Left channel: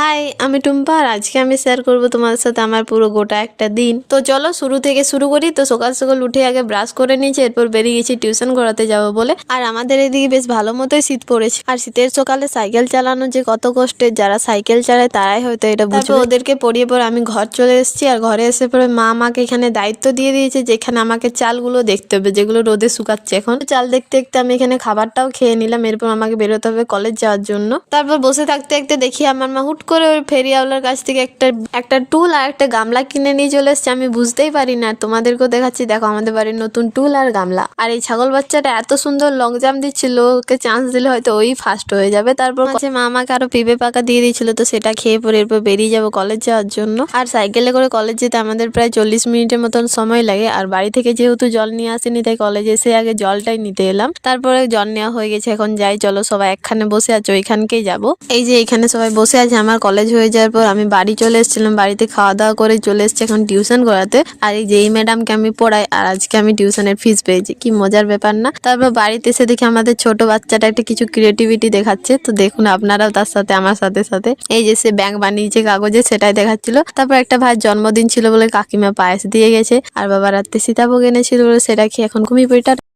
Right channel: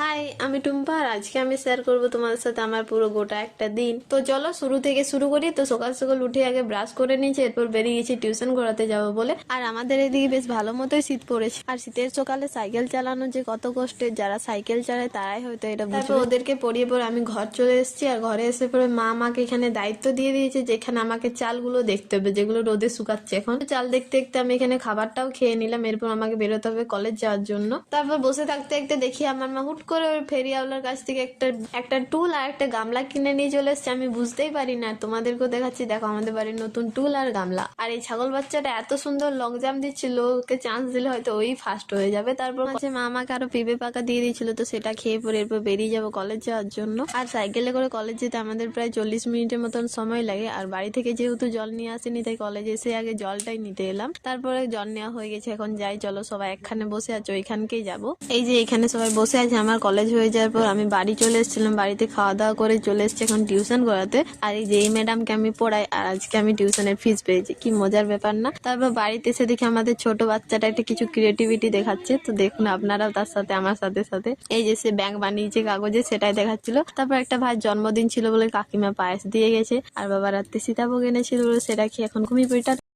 High, আমি টুম্পা আর আজকে আমি শেয়ার করব তোমাদের সাথে আমার পুরো গোটা একটা দিন। তো চলো শুরু থেকে শুরু করি। তো সকাল সকাল উঠে আগে ব্রাশ করে নিয়েছি, এরপর বেরিয়ে গেছি টিউশন করাতে যাবো বলে। আর আমাদের এদিকে বেশ ভালো মতোই শীত পড়েছে। আর শীতের সকালে সাইকেল চালানো যে কত কষ্টের, যারা সাইকেল চালায় তারাই হয়তো এটা বুঝবে। তারপর ওদেরকে পড়িয়ে পর আমি ঘর চলে এসেছি। আর ঘরে এসে পরে মা আমাকে এখানে দায়িত্ব দিয়ে দিয়েছে যে এখানে আমাকে চালগুলো দেখতে হবে, যেগুলো রোদে শুকাচ্ছে। এখন চাল দেখতে দেখতে আমি এখানে খাবারটাও খেয়ে নিলাম। এরপর আমাকে বেরোতে হবে কলেজ যাওয়ার জন্য। তারপর বসে থাকতে থাকতে দেখি আমার মা হুট করে ওই ফেরিওয়ালার কাছ থেকে একটা টুল আর একটা গামলা কিনে নিয়ে চলে এসছে। আমি বুঝতেই পারি না, তোমাদেরকেও দেখাচ্ছি। দেখো আমাদের বাড়ির নতুন টুল আর গামলা। আর এই ছাগল বাচ্চাটা এত সুন্দর লং জাম্প দিচ্ছিল, ওকে চান্স দিলে হয়তো ওই ফার্স্ট হয়ে যাবে। তারপর মা আমাকে আরো পিঁপে পাকা দিয়ে দিয়েছিল, তো সেটা খেয়ে পরে এরপর বেরিয়ে যাবো কলেজ যাওয়ার জন্য। আর সাইকেলে করে কলেজ যেতে আমাদের প্রায় 40 মিনিটের মতন সময় লাগে। আর বাড়ি থেকে যেহেতু জল নিয়ে আসেনি, তাই কলেজে এসে আগে জলটাই নিতে এলাম। তারপরে জল নেওয়া হয়ে গেছে, এখন যাই। চলো সবাই একখানে বসে আছো, ওইখানকেই যাবো। এই যে এখানে সবাই বসে আছে। আমার কলেজ হয়ে যাওয়ার পর আমি বাড়ি চলে এসেছিলাম, বাড়িতে খাওয়া দাওয়া করে চলে এসেছি এখন টিউশন করাতে। আর এই যে এই ম্যাডামকে আমি পড়াই, আর আজকে আমি টিউশনের ফিস পেয়েছি। কি মজার ব্যাপার না? তারপর বাড়িতে এসে দেখি আমাদের ছোট বাচ্চাটা একটা কিছু ক্রিয়েটিভিটি দেখাচ্ছে। তো দেখুন আপনারাও তার সাথে আমার সাথে সাথে। এই যে সে ব্যাংক বানিয়েছে কাগজে, সেটাই দেখাচ্ছিল। তারপর একটা ভাইয়ের জন্মদিন ছিল বলে কাকিমা পায়েস দিয়ে গেছে, আর বাবা রাত্রে সীতাভোগ এনেছিল বলে সেটা খেয়ে এখন ঘুমিয়ে পড়ি।